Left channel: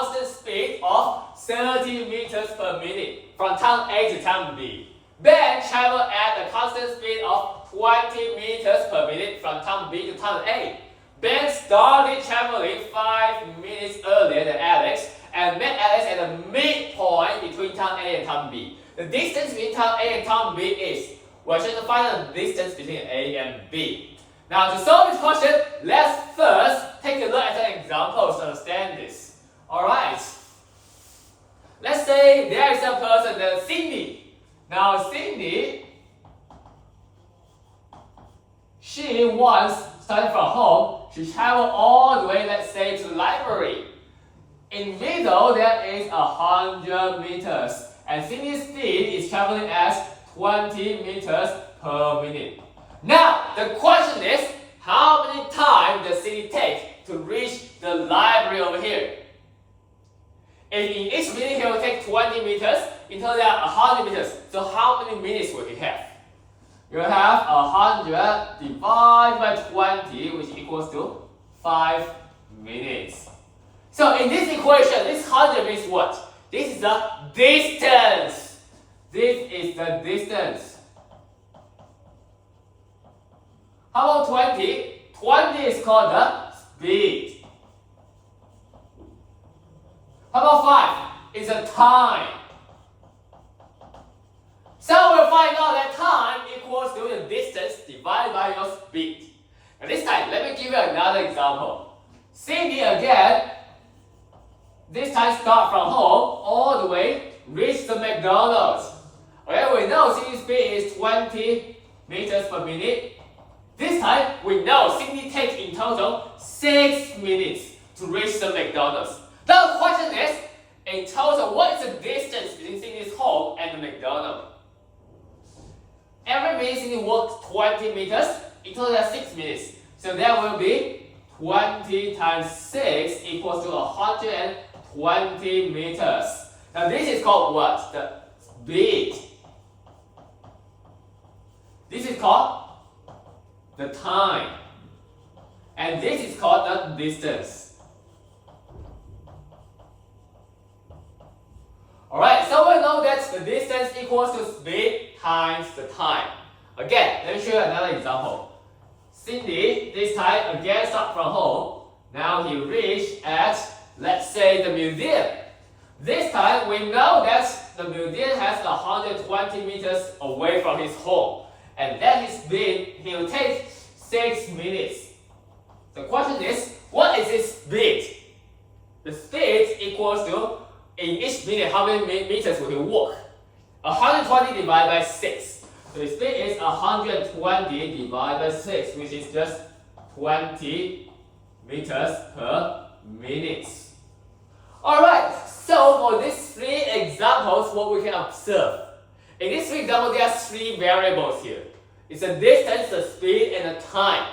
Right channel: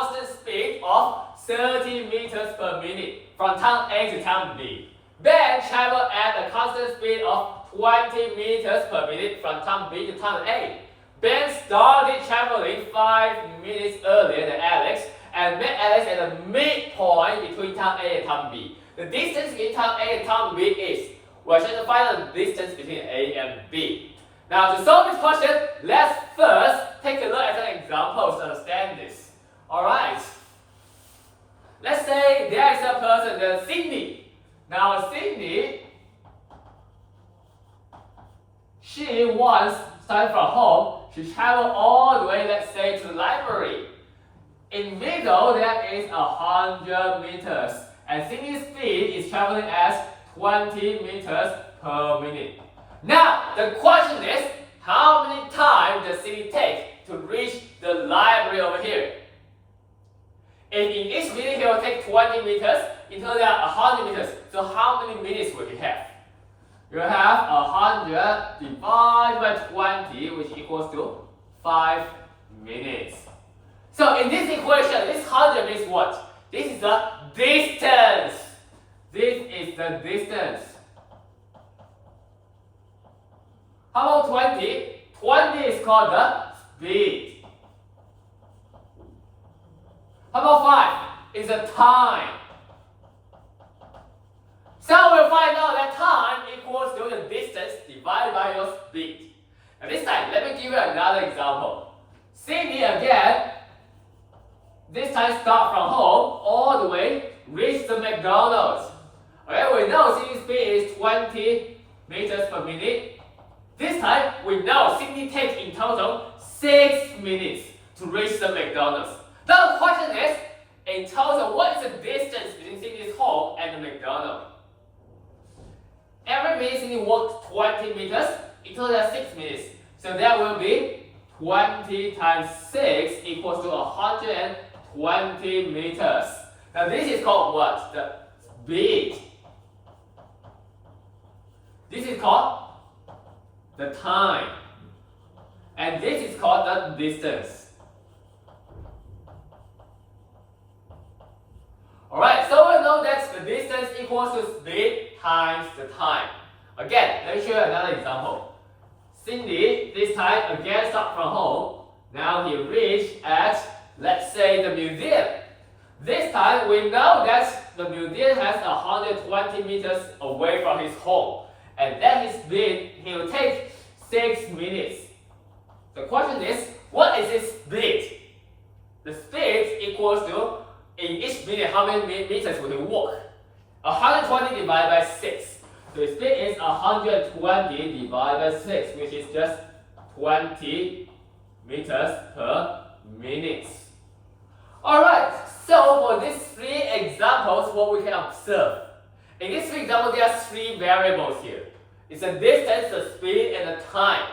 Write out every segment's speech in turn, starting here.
constant speed of 30 meters per minute from town A to town B. Ben traveled at a constant speed of 20 meters per minute from town B to town A. Ben started traveling 5 minutes earlier than Alex and met Alex at the midpoint between town A and town B. The distance between town A and town B is, we're trying to find the distance between A and B. Now to solve this question, let's first take a look at some examples to understand this. Alright. Let's say there is a person, named Cindy. Now Cindy, she once started from home, she traveled all the way, let's say, to the library. In middle, there is 100 meters, and Cindy's speed is traveling at 20 meters per minute. Now, the question is, how many time does Cindy take to reach the library over here? If in each minute he will take 20 meters, in total there are 100 meters. So how many minutes will he have? You have 100 divided by 20, which equals to 5 minutes. So in this equation, this 100 means what? This is the distance. This is the distance. How about 20? 20 is called the speed. How about 5? It's the time. So we'll find out that time equals to the distance divided by your speed. Now this time, let me give you another example. Cindy again, this time start from home all the way, reach the McDonald's. Okay, we know Cindy's speed is 20 meters per minute. This time, we know Cindy takes in total 6 minutes to reach the McDonald's. Now the question is, in total, what is the distance between Cindy's home and the McDonald's? Every minute Cindy walks 20 meters, in total that's 6 minutes. So that will be 20 times 6 equals to 120 meters. Now this is called what? The speed. This is called the time. And this is called the distance. Alright, so we know that the distance equals to speed times the time. Again, let me show you another example. Cindy, this time again start from home. Now he reached at, let's say, the museum. This time we know that the museum has 120 meters away from his home. And then his speed, he will take 6 minutes. The question is, what is his speed? The speed equals to, in each minute, how many meters will he walk? 120 divided by 6. So his speed is 120 divided by 6, which is just 20 meters per minute. Alright, so for these 3 examples, what we can observe. In these 3 examples, there are 3 variables here. It's the distance, the speed, and the time.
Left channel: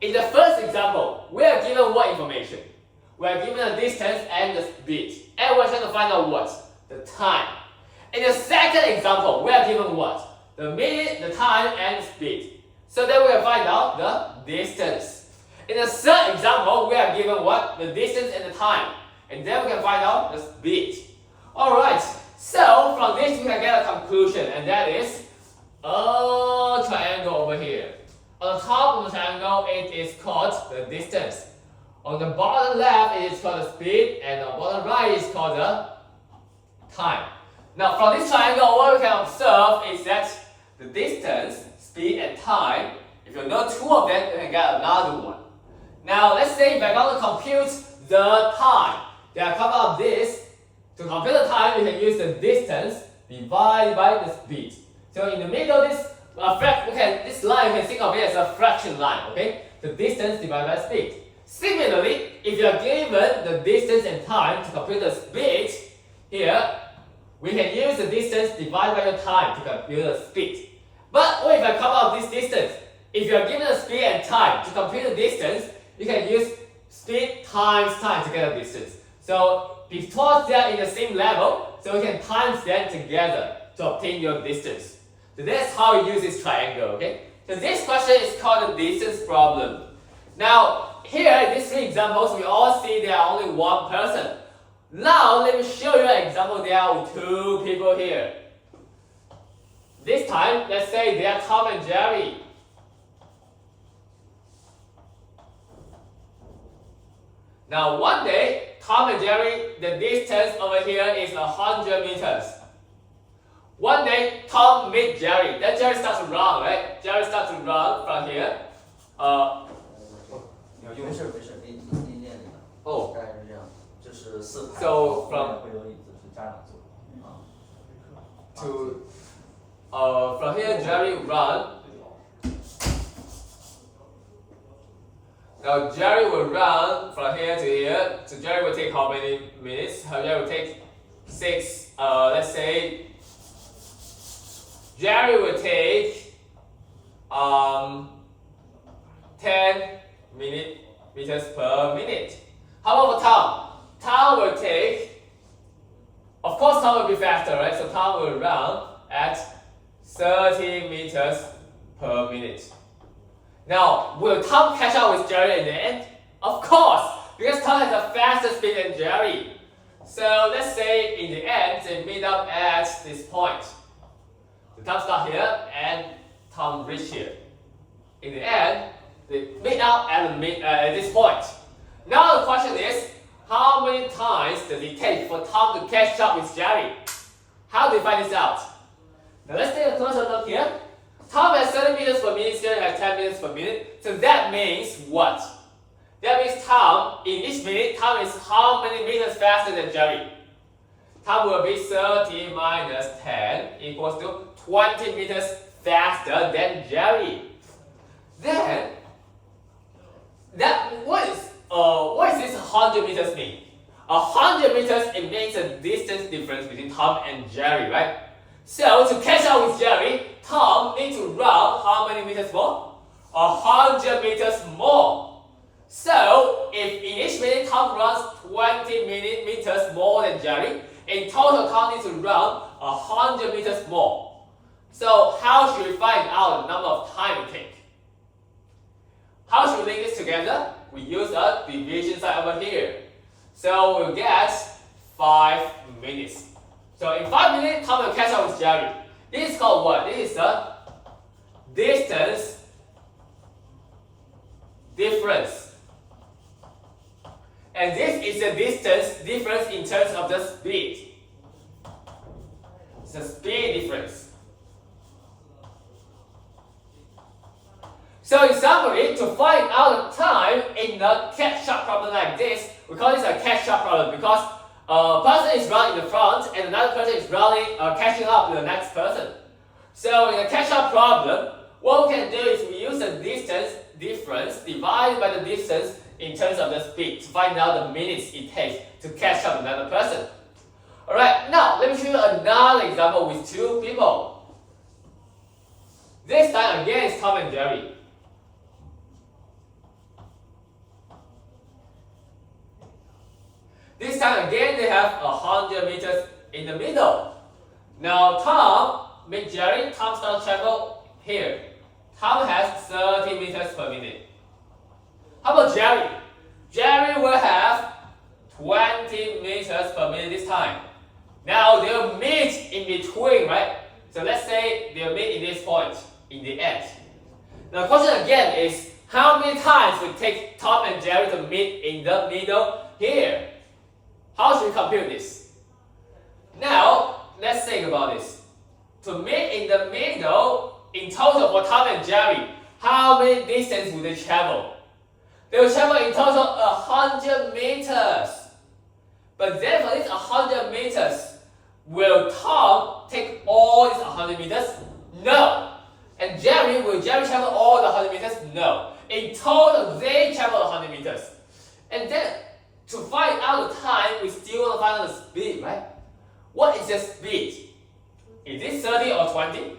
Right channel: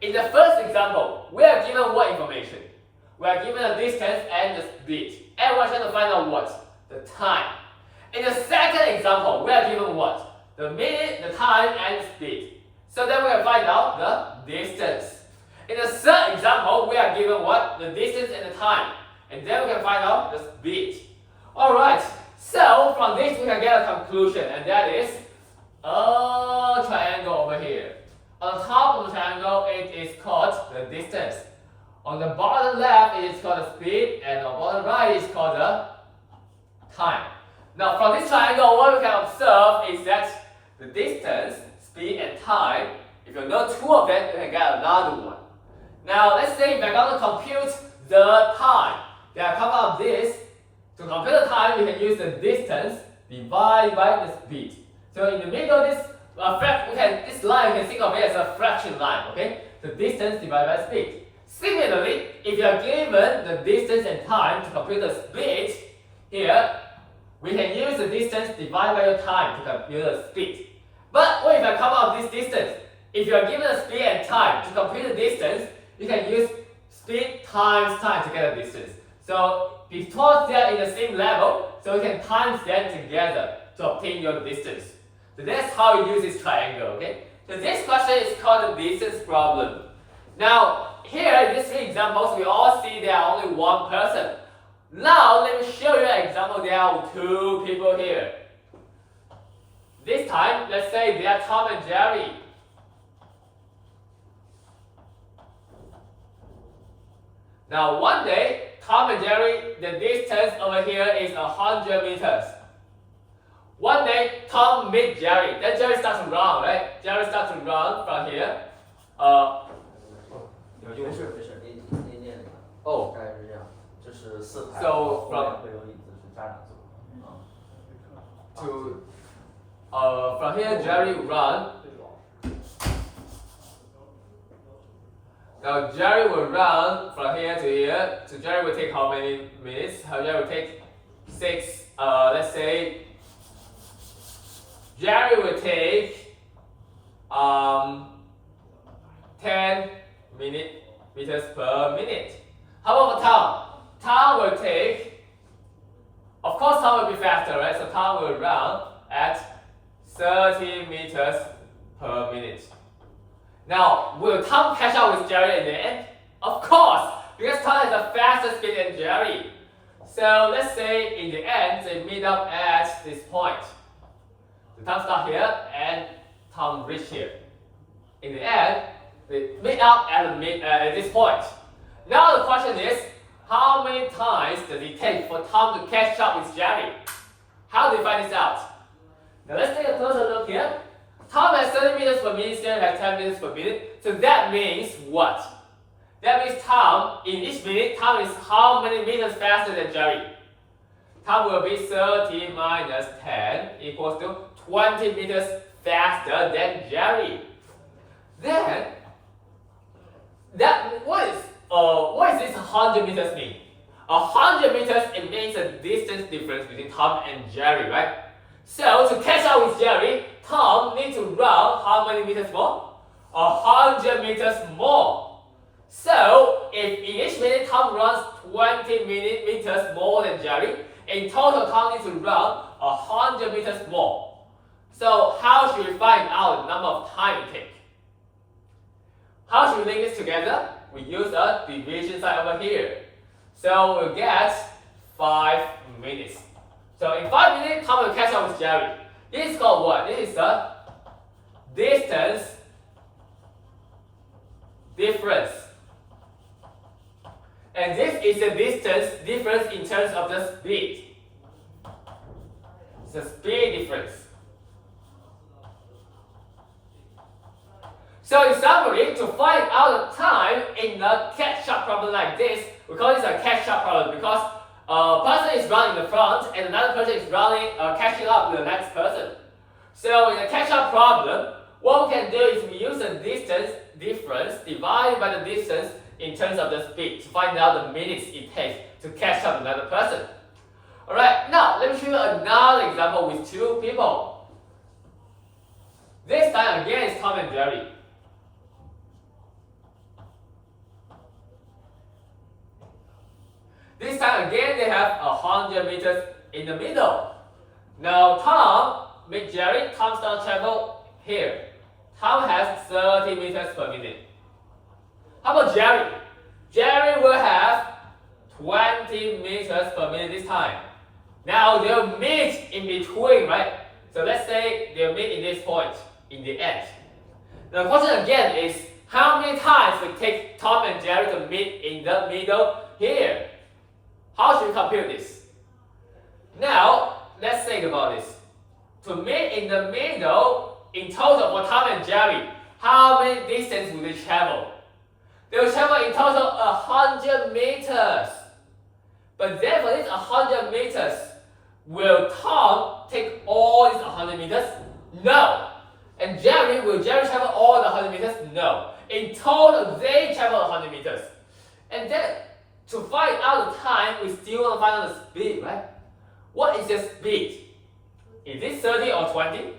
In the first example, we are given what information? We are given the distance and the speed. And we're trying to find out what? The time. In the second example, we are given what? The minute, the time, and the speed. So then we can find out the distance. In the third example, we are given what? The distance and the time. And then we can find out the speed. Alright, so from this we can get a conclusion, and that is a triangle over here. On the top of the triangle, it is called the distance. On the bottom left, it is called the speed, and on the bottom right, it is called the time. Now from this triangle, what we can observe is that the distance, speed, and time, if you know 2 of them, you can get another one. Now let's say if I want to compute the time, then I come out of this. To compute the time, you can use the distance divided by the speed. So in the middle, this line, you can think of it as a fraction line, okay? The distance divided by speed. Similarly, if you are given the distance and time to compute the speed, here, we can use the distance divided by the time to compute the speed. But what if I come out of this distance? If you are given the speed and time to compute the distance, you can use speed times time to get the distance. So because they are in the same level, so you can times them together to obtain your distance. So that's how you use this triangle, okay? So this question is called the distance problem. Now, here in these 3 examples, we all see there are only one person. Now let me show you an example. There are two people here. This time, let's say they are Tom and Jerry. Now one day, Tom and Jerry, the distance over here is 100 meters. One day, Tom meets Jerry. Then Jerry starts to run, right? Jerry starts to run from here. 没事，你念这个。哦，大概是这样，就是4排。 So from 会有椅子是家长坐。to from here, Jerry run. Now Jerry will run from here to here. So Jerry will take how many minutes? Jerry will take 6. Let's say Jerry will take 10 meters per minute. How about Tom? Tom will take, of course Tom will be faster, right? So Tom will run at 30 meters per minute. Now, will Tom catch up with Jerry in the end? Of course, because Tom has a faster speed than Jerry. So let's say in the end they meet up at this point. So Tom starts here and Tom reach here. In the end, they meet up at this point. Now the question is, how many times does it take for Tom to catch up with Jerry? How do we find this out? Now let's take a closer look here. Tom has 30 meters per minute, Jerry has 10 meters per minute. So that means what? That means Tom, in each minute, Tom is how many meters faster than Jerry? Tom will be 30 minus 10 equals to 20 meters faster than Jerry. Then, what is this 100 meters mean? 100 meters, it means a distance difference between Tom and Jerry, right? So to catch up with Jerry, Tom needs to run how many meters more? 100 meters more. So if in each minute Tom runs 20 meters more than Jerry, in total Tom needs to run 100 meters more. So how should we find out the number of time it takes? How should we link this together? We use a division sign over here. So we'll get 5 minutes. So in 5 minutes, Tom will catch up with Jerry. This is called what? This is the distance difference. And this is the distance difference in terms of the speed. It's the speed difference. So in summary, to find out the time in a catch-up problem like this, we call this a catch-up problem because a person is running in the front and another person is catching up with the next person. So in a catch-up problem, what we can do is we use the distance difference divided by the distance in terms of the speed to find out the minutes it takes to catch up with another person. Alright, now let me show you another example with two people. This time again is Tom and Jerry. This time again they have 100 meters in the middle. Now Tom meets Jerry. Tom starts to travel here. Tom has 30 meters per minute. How about Jerry? Jerry will have 20 meters per minute this time. Now they'll meet in between, right? So let's say they'll meet in this point, in the end. Now the question again is, how many times will it take Tom and Jerry to meet in the middle here? How should we compute this? Now, let's think about this. To meet in the middle, in total for Tom and Jerry, how many distance will they travel? They will travel in total 100 meters. But then for this 100 meters, will Tom take all these 100 meters? No. And will Jerry travel all the 100 meters? No. In total, they travel 100 meters. And then, to find out the time, we still want to find out the speed, right? What is the speed? Is it 30 or 20?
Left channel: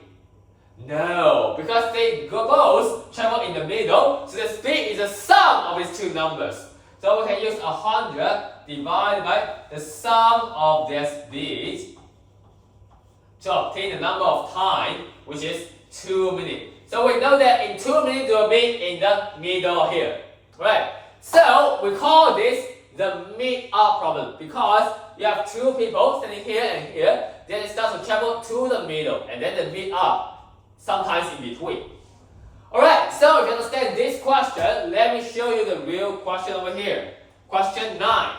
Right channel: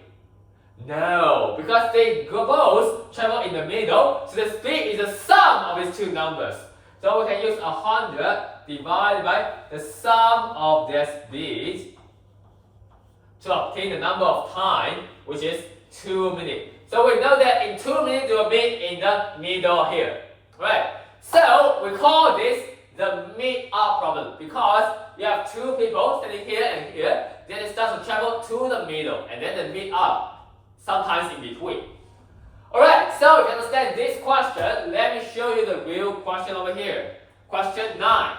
No, because they both travel in the middle, so the speed is the sum of these two numbers. So we can use 100 divided by the sum of their speed to obtain the number of time, which is 2 minutes. So we know that in 2 minutes they will meet in the middle here, right? So we call this the meet-up problem because you have two people standing here and here, then it starts to travel to the middle, and then the meet-up sometimes in between. Alright, so if you understand this question, let me show you the real question over here. Question 9.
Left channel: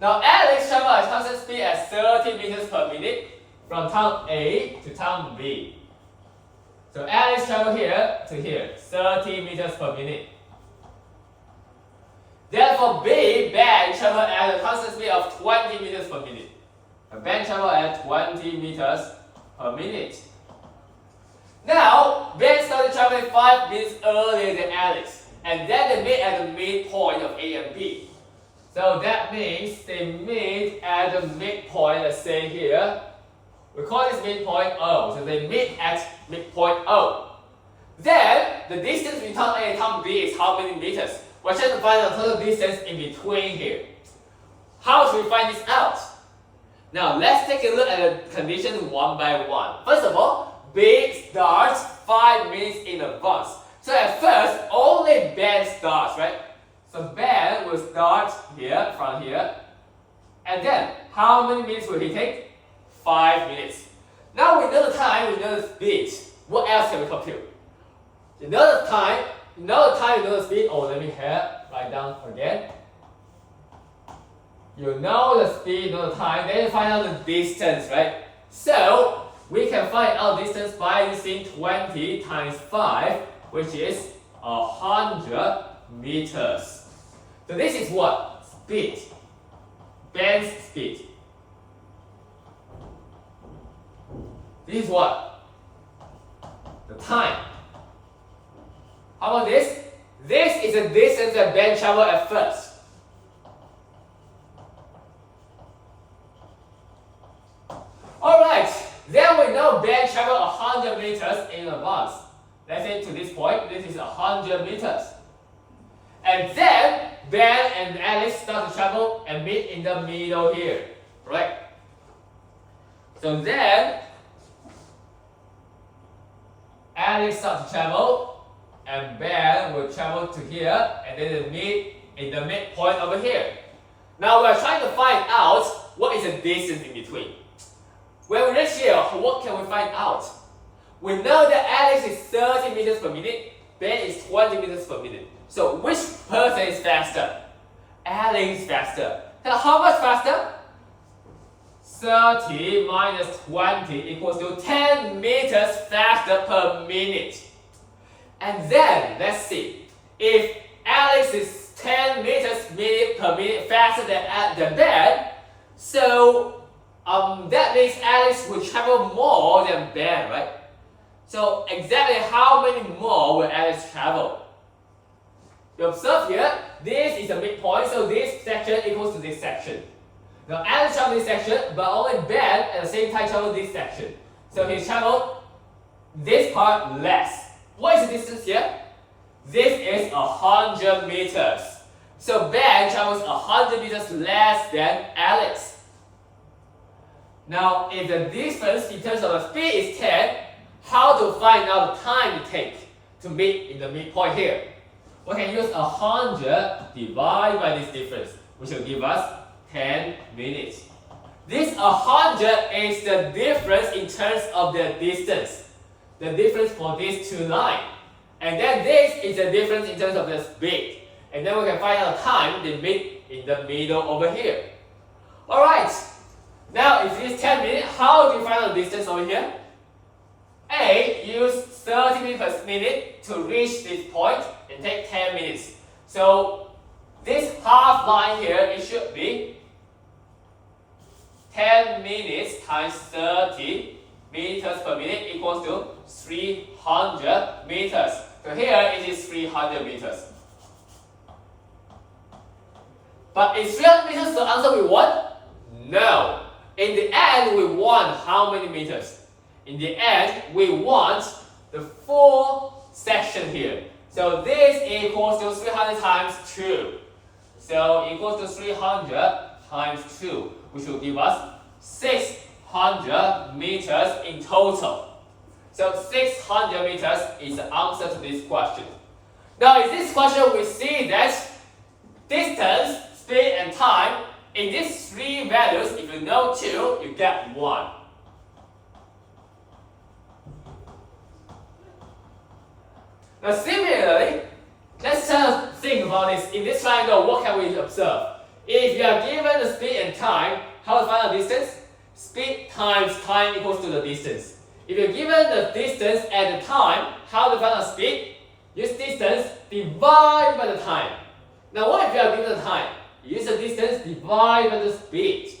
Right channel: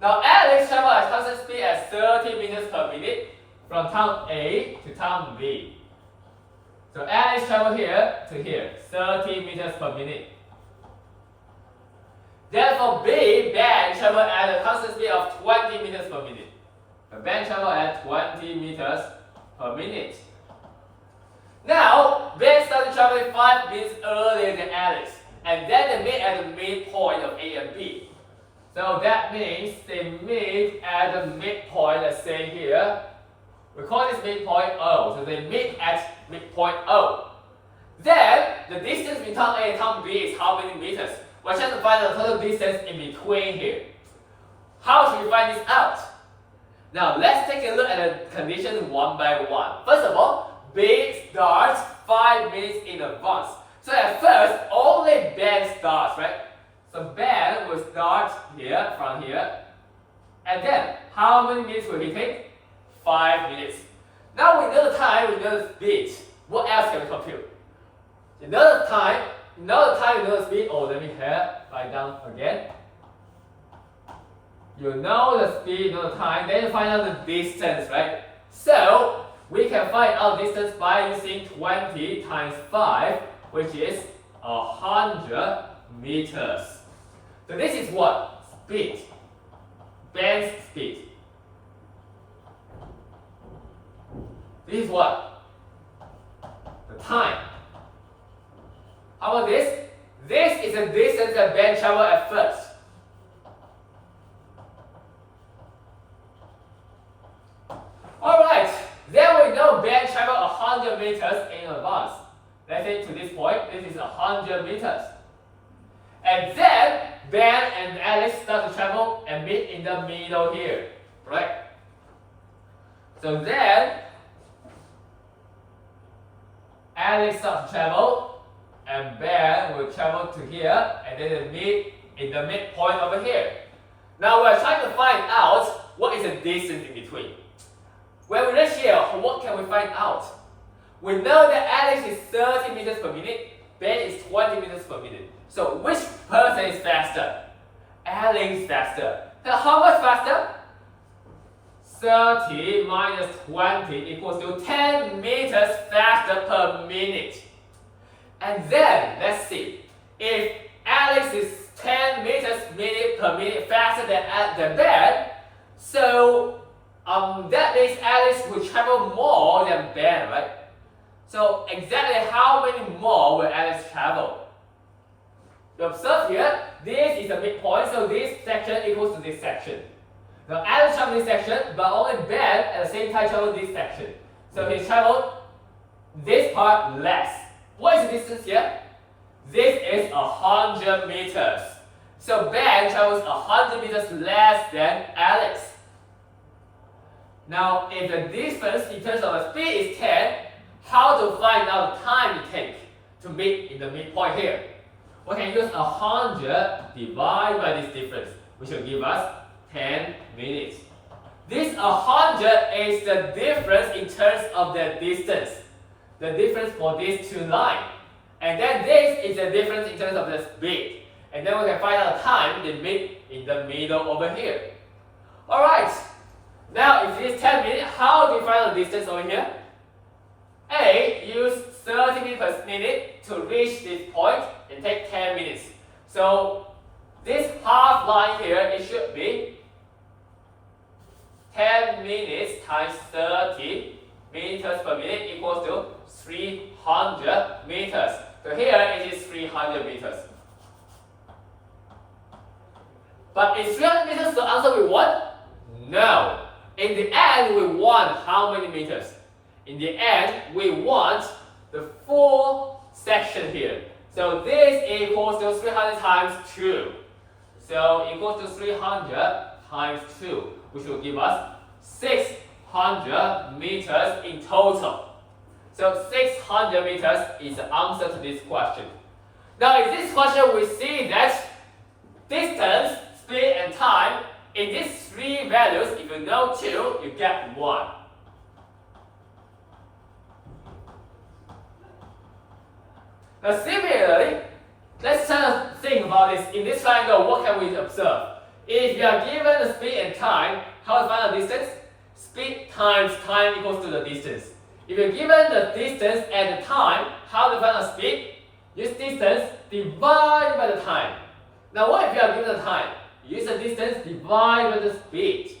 Now Alex travels at constant speed at 30 meters per minute from town A to town B. So Alex travels here to here, 30 meters per minute. Therefore B, Ben, travels at a constant speed of 20 meters per minute. Ben travels at 20 meters per minute. Now, Ben started traveling 5 minutes earlier than Alex, and then they meet at the midpoint of A and B. So that means they meet at the midpoint, let's say here. We call this midpoint O. So they meet at midpoint O. Then the distance between town A and town B is how many meters? We're trying to find the total distance in between here. How should we find this out? Now let's take a look at the conditions one by one. First of all, B starts 5 minutes in advance. So at first, only Ben starts, right? So Ben will start here, from here. And then, how many minutes will he take? 5 minutes. Now we know the time, we know the speed. What else can we compute? You know the time, you know the speed. Oh, let me write down again. You know the speed, you know the time, then you find out the distance, right? So, we can find out distance by using 20 times 5, which is 100 meters. So this is what? Speed. Ben's speed. This is what? The time. How about this? This is the distance that Ben traveled at first. Alright, then we know Ben traveled 100 meters in advance. Let's say to this point, this is 100 meters. And then Ben and Alex start to travel and meet in the middle here, right? So then Alex starts to travel and Ben will travel to here and then they meet in the midpoint over here. Now we're trying to find out what is the distance in between. When we reach here, what can we find out? We know that Alex is 30 meters per minute, Ben is 20 meters per minute. So which person is faster? Alex is faster. Now how much faster? 30 minus 20 equals to 10 meters faster per minute. And then, let's see. If Alex is 10 meters per minute faster than Ben, so that means Alex will travel more than Ben, right? So exactly how many more will Alex travel? You observe here, this is a midpoint, so this section equals to this section. Now Alex traveled this section, but only Ben at the same time traveled this section. So he traveled this part less. What is the distance here? This is 100 meters. So Ben travels 100 meters less than Alex. Now, if the difference in terms of the speed is 10, how to find out the time it takes to meet in the midpoint here? We can use 100 divided by this difference, which will give us 10 minutes. This 100 is the difference in terms of the distance. The difference for these two lines. And then this is the difference in terms of the speed. And then we can find out the time they meet in the middle over here. Alright. Now if it's 10 minutes, how do you find out the distance over here? A, use 30 meters per minute to reach this point and take 10 minutes. So this half line here, it should be 10 minutes times 30 meters per minute equals to 300 meters. So here it is 300 meters. But is 300 meters the answer we want? No. In the end, we want how many meters? In the end, we want the full section here. So this equals to 300 times 2. So equals to 300 times 2, which will give us 600 meters in total. So 600 meters is the answer to this question. Now in this question we see that distance, speed and time, in these three values, if you know 2, you get 1. Now similarly, let's try to think about this. In this triangle, what can we observe? If you are given the speed and time, how to find the distance? Speed times time equals to the distance. If you're given the distance and the time, how to find the speed? Use distance divided by the time. Now what if you are given the time? Use the distance divided by the speed.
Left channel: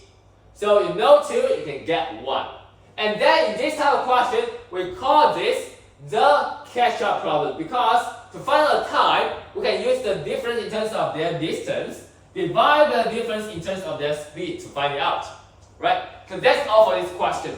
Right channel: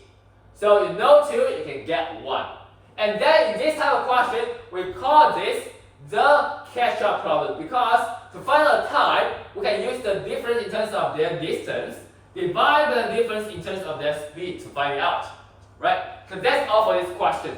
So you know 2, you can get 1. And then in this type of question, we call this the catch-up problem, because to find the time, we can use the difference in terms of their distance, divide by the difference in terms of their speed to find it out. Right? So that's all for this question.